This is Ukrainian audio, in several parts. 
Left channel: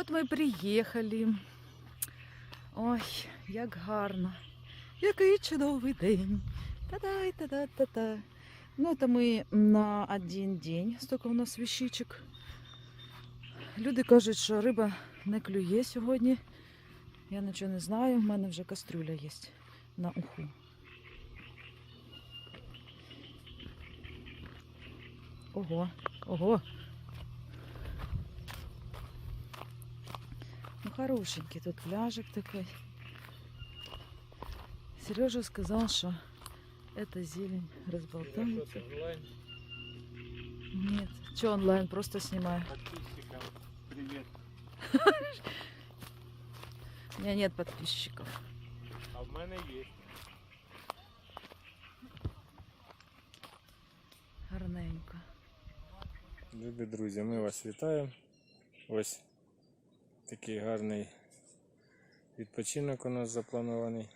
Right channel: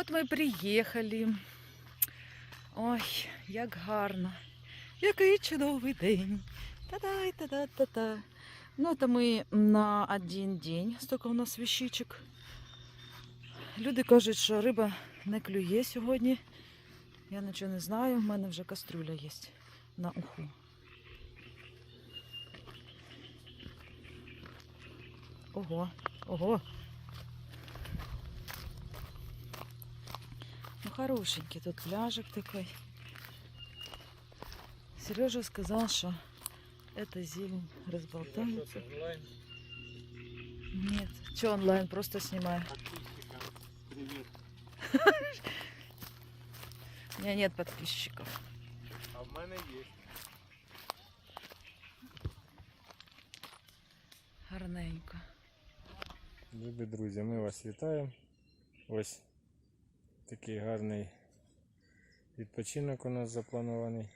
От ми приїхали. Ой, як гарно. Який чудовий день. Та-дай, та-да-та-та. Ну, это ми на один день. Стільки у нас віщичок. Люди кажуть, що риба не клює сьогодні. Я нічого не знаю, в мене вже кастрюля є на уху. Ого, ого. хорошенький тут пляжик такой. Сережа сказал, что эта зелень разболтается. онлайн? Нет, что онлайн, просто снимаю. Подписчикам привет. У меня нет подписчиков. А в мене є. Гарненько. Любі друзі, ми вас вітаємо. Ось такий гарний відпочинок у нас запланований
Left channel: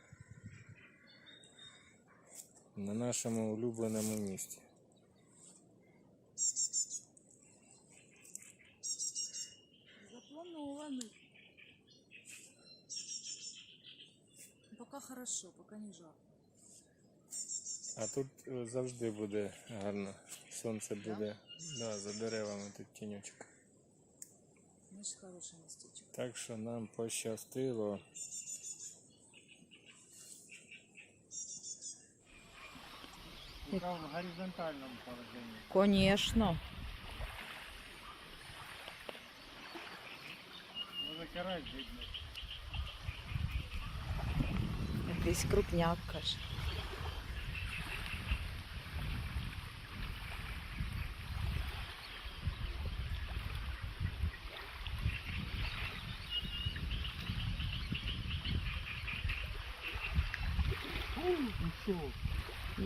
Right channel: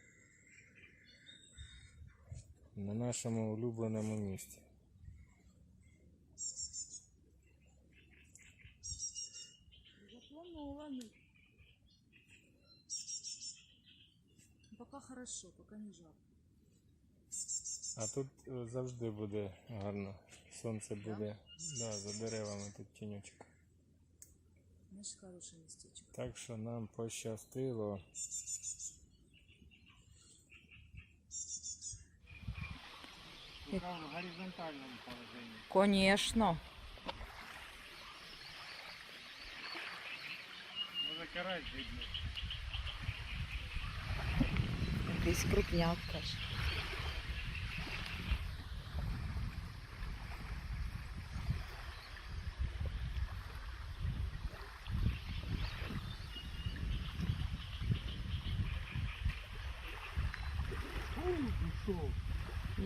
на нашому улюбленому місці. Запланованный. Пока хорошо, пока не жарко. А тут е, завжди буде гарно. Сонце буде да, за деревами тут тіньочок. Значит, хорошее местечко. Так що нам пощастило. В горизонтальном положении. Конечно. Може карась видно. Якийсь крупняк, каже.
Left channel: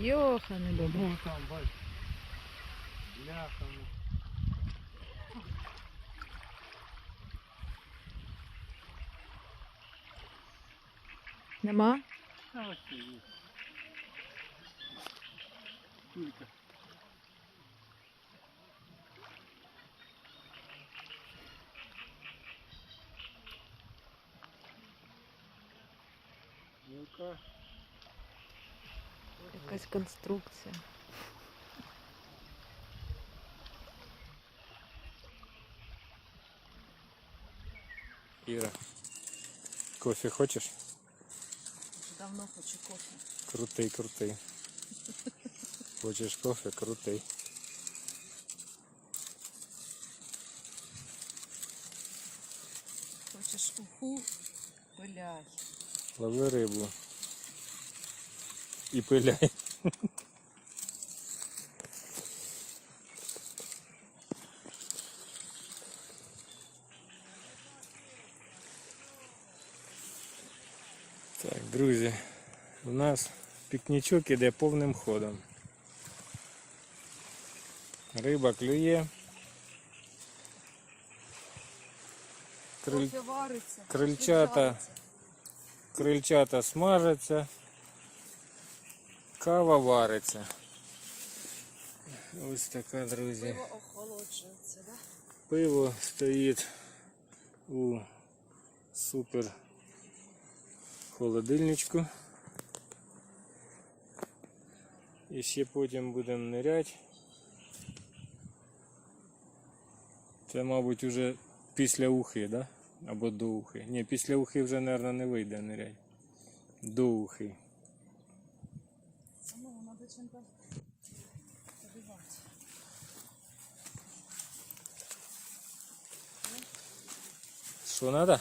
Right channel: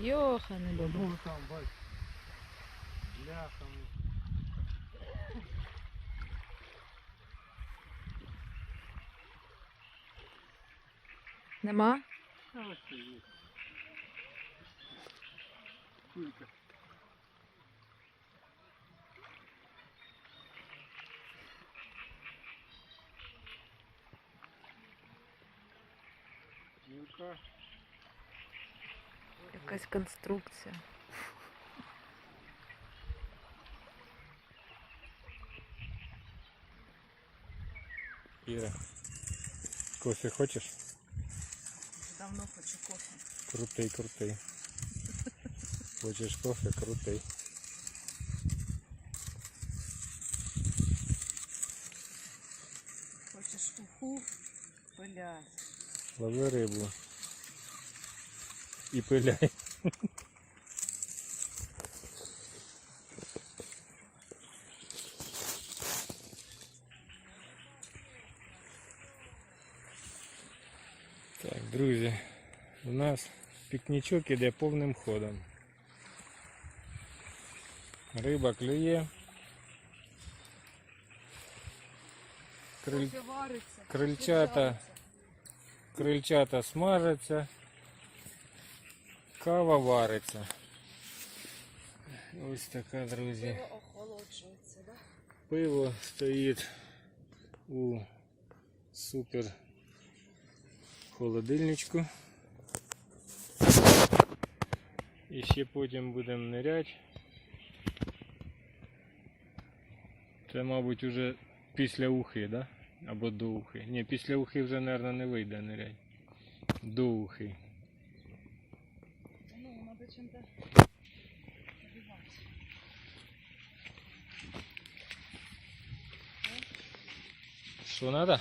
Йоханий баба. Ну там, бач. Бляхами. Нема? А ось це є. Скільки? Ну-ка. Якась конструкція. Іра, кофе хочеш? Давно хочу кофе. Крутий, крутий. Хочеш кофе, крутий. Хочеш уху? Пиляй. Лови рибу. І пиляй. Так, друзі, у нас пікнічок іде повним ходом. Риба клює. Криль... Крильчата, крильчата смажаться, кава вариться. Ось така, друзі. Пиво стоїть у супер холодильничку. І ще потім будемо ниряти. Це, мабуть, уже після ухи, да? Або до ухи. Ні, після ухи вже, мабуть, не вийде нирять. До ухи. Надо чем-то побивать. Що надо?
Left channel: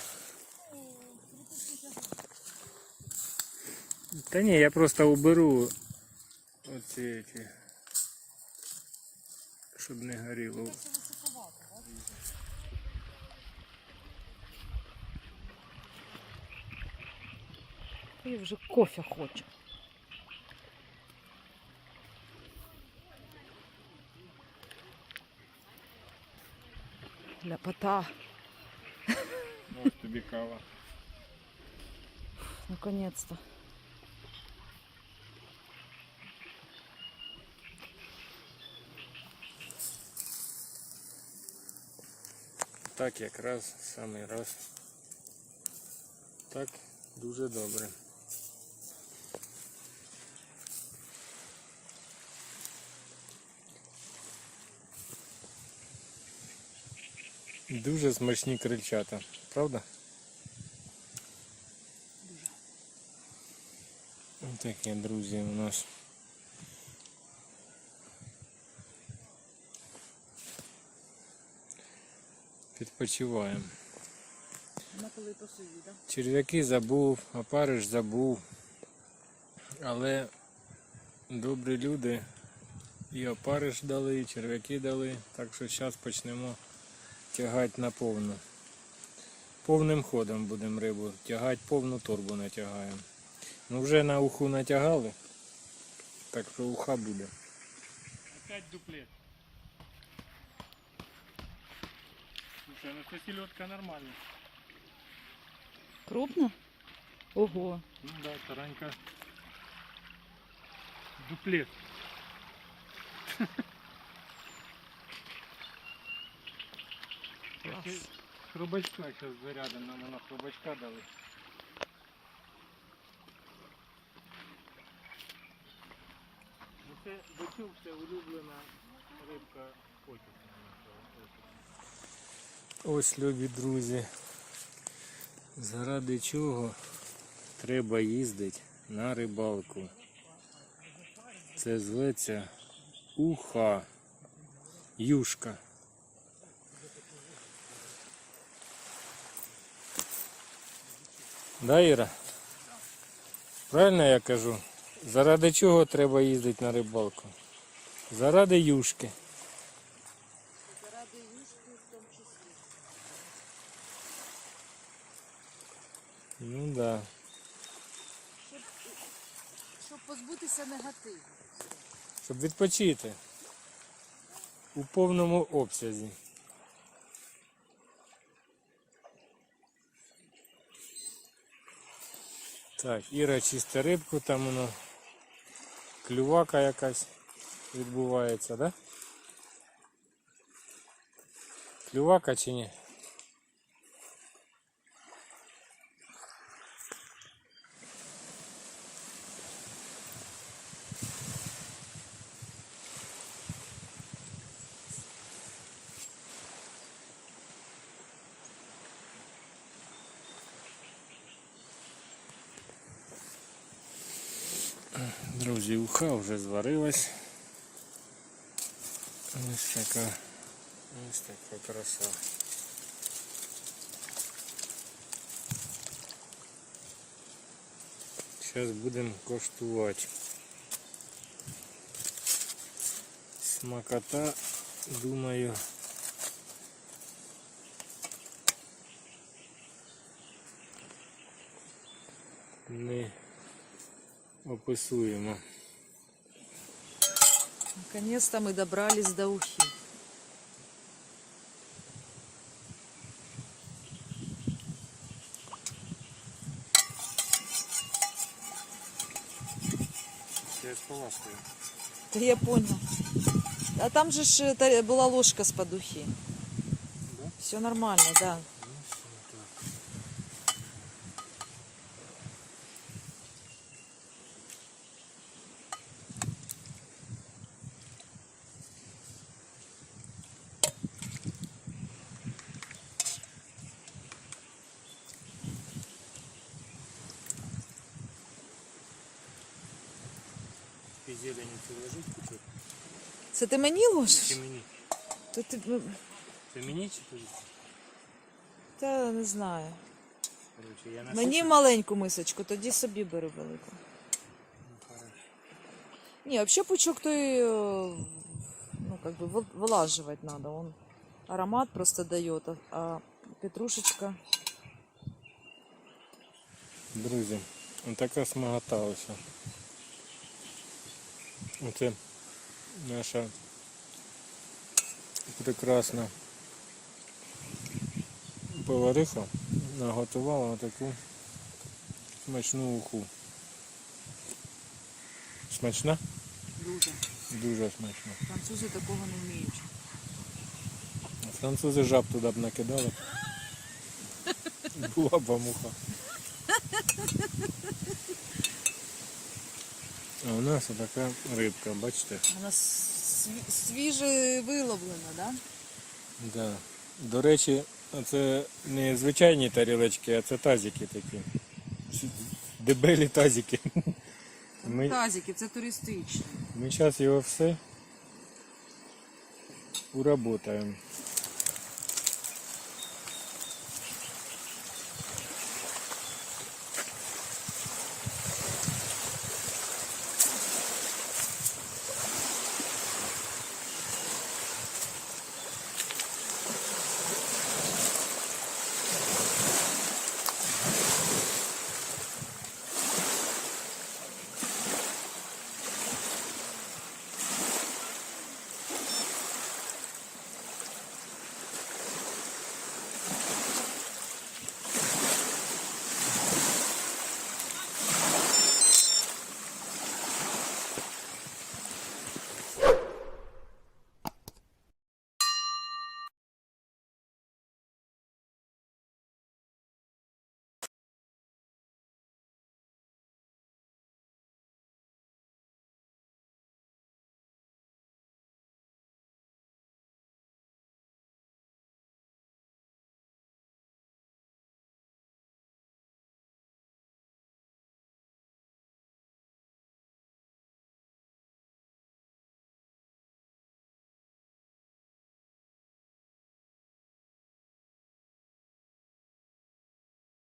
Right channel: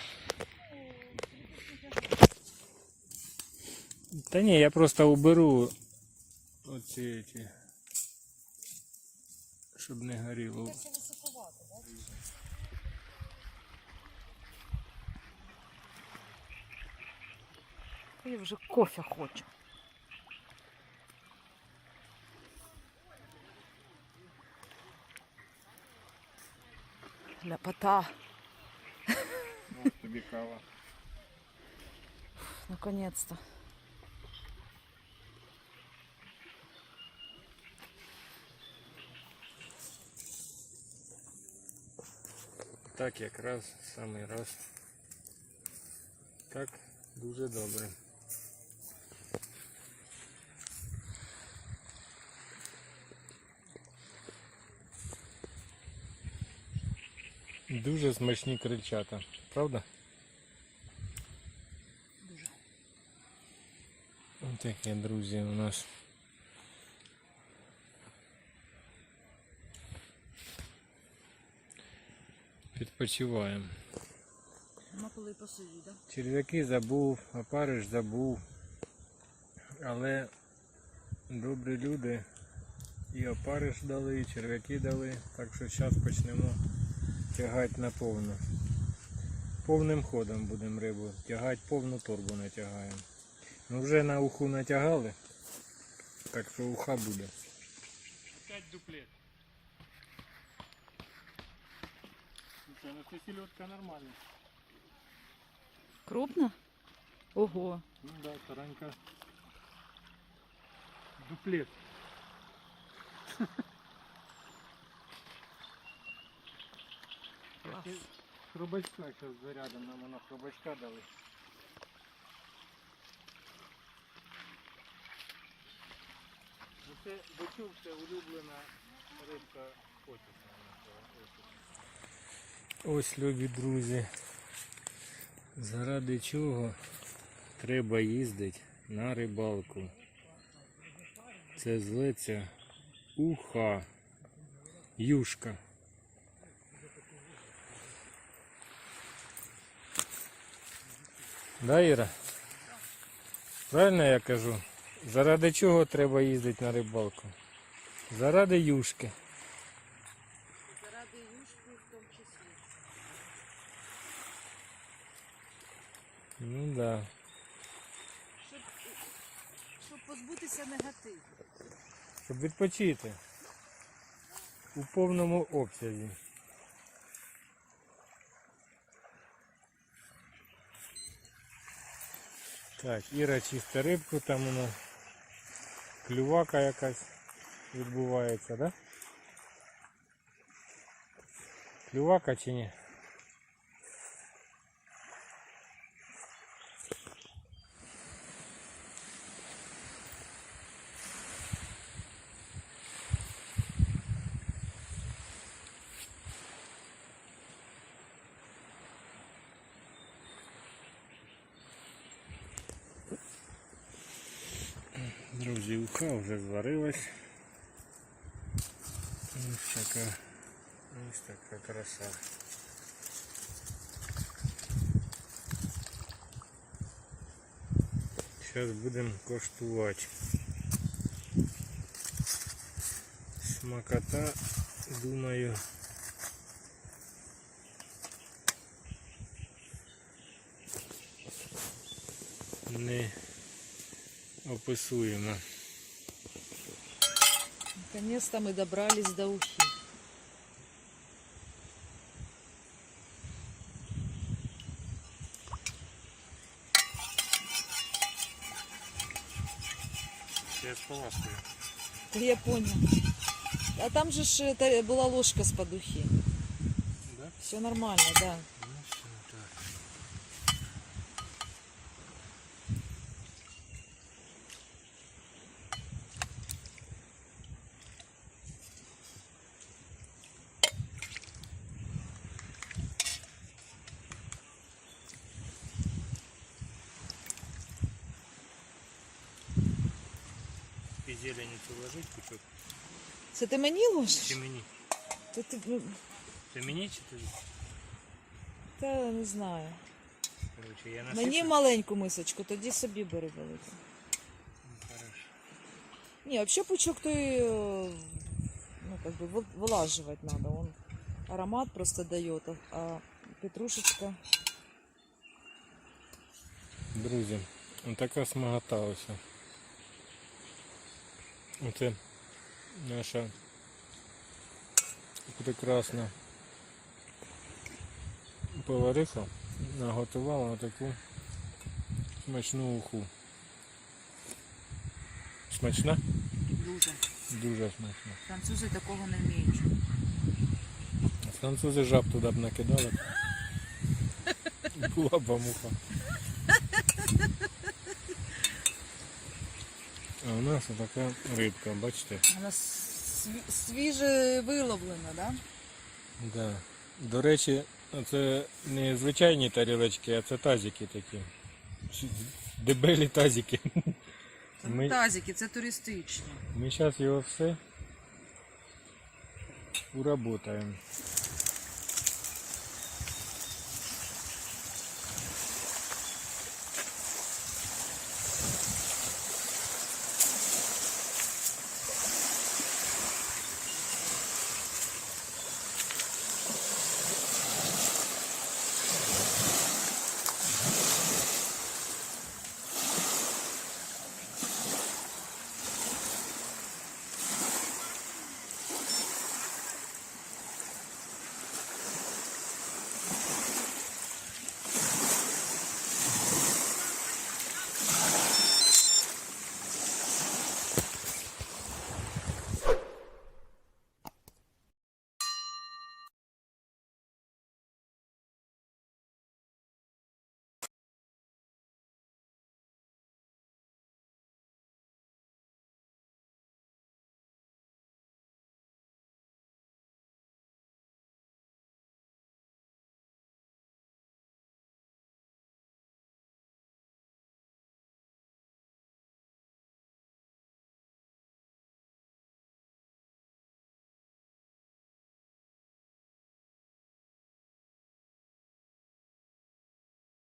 Та ні, я просто уберу оці, ці, щоб не горіло. Це висипувати, да? Я вже кофе хочу. Ляпота. Ось тобі кава. Наконец-то. так якраз самий раз. Так, дуже добре. Дуже смачні крильчата, правда? Дуже. Таке, друзі, у нас. Відпочиваємо. Коли? Черв'яки забув, опариш забув. Але добрі люди і опариш дали, і черв'яки дали. Так що зараз почнемо тягати на повну. Повним ходом будемо рибу тягати, повну торбу натягаємо. Ну вже на уху натягали, так що уха буде. Опять дуплет. Слушай, ну це селедка нормальна. Крупно? Ого. Ну да, таранька. Дуплет. Клас. Хробачка зараз зарядом, нам воно хробачка дали. Ну це бочук, це улюблена рибка потісна. Ось, любі друзі, заради чого треба їздити на рибалку. Це зветься уха, юшка. Да, Іра? Правильно я кажу? Заради чого треба їздити на рибалку? Заради юшки. Заради юшки в тому числі. Ну да. Щоб, щоб позбутися негативу. щоб відпочити у повному обсязі. Так, Іра чисте рибку, там воно клювака якась відбувається, да? Клювака чи ні? Уха вже зварилась. Ось така, ось така краса. Зараз будемо коштувати. Смакота, думаю, не описуємо. Наконец-то мы добрались до ухи. Я. Да я понял. А там же ж была ложка с подухи. Да? Все нормально, да. І зелені цю ложить кучок? Це ти мені ложиш? Чи мені? То ти, ну, Це мені чи тобі? та не знаю. Короче, я Мені маленьку мисочку, тоді собі бери велику. Ну, хорошо. Не, вообще пучок то и, э, ну, как бы вы- вылаживать надо. Он аромат просто дает, а- а петрушечка. Друзі, така смагота ось. Оце наша прекрасна повариха наготувала таку смачну уху. Смачна? Дуже. Дуже смачна. Французи такого не вміють. Французи жаб туди б накидали. Була б муха. А у нас така рибка, бачите? Вона свіже виловлена, да? Да. До речі, це не звичайні тарілочки, а це тазики такі. Дебелі тазики. Ми- Тазики, це туристичні. Ми зараз його все уработаємо.